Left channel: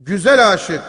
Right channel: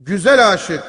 Güzel aşık.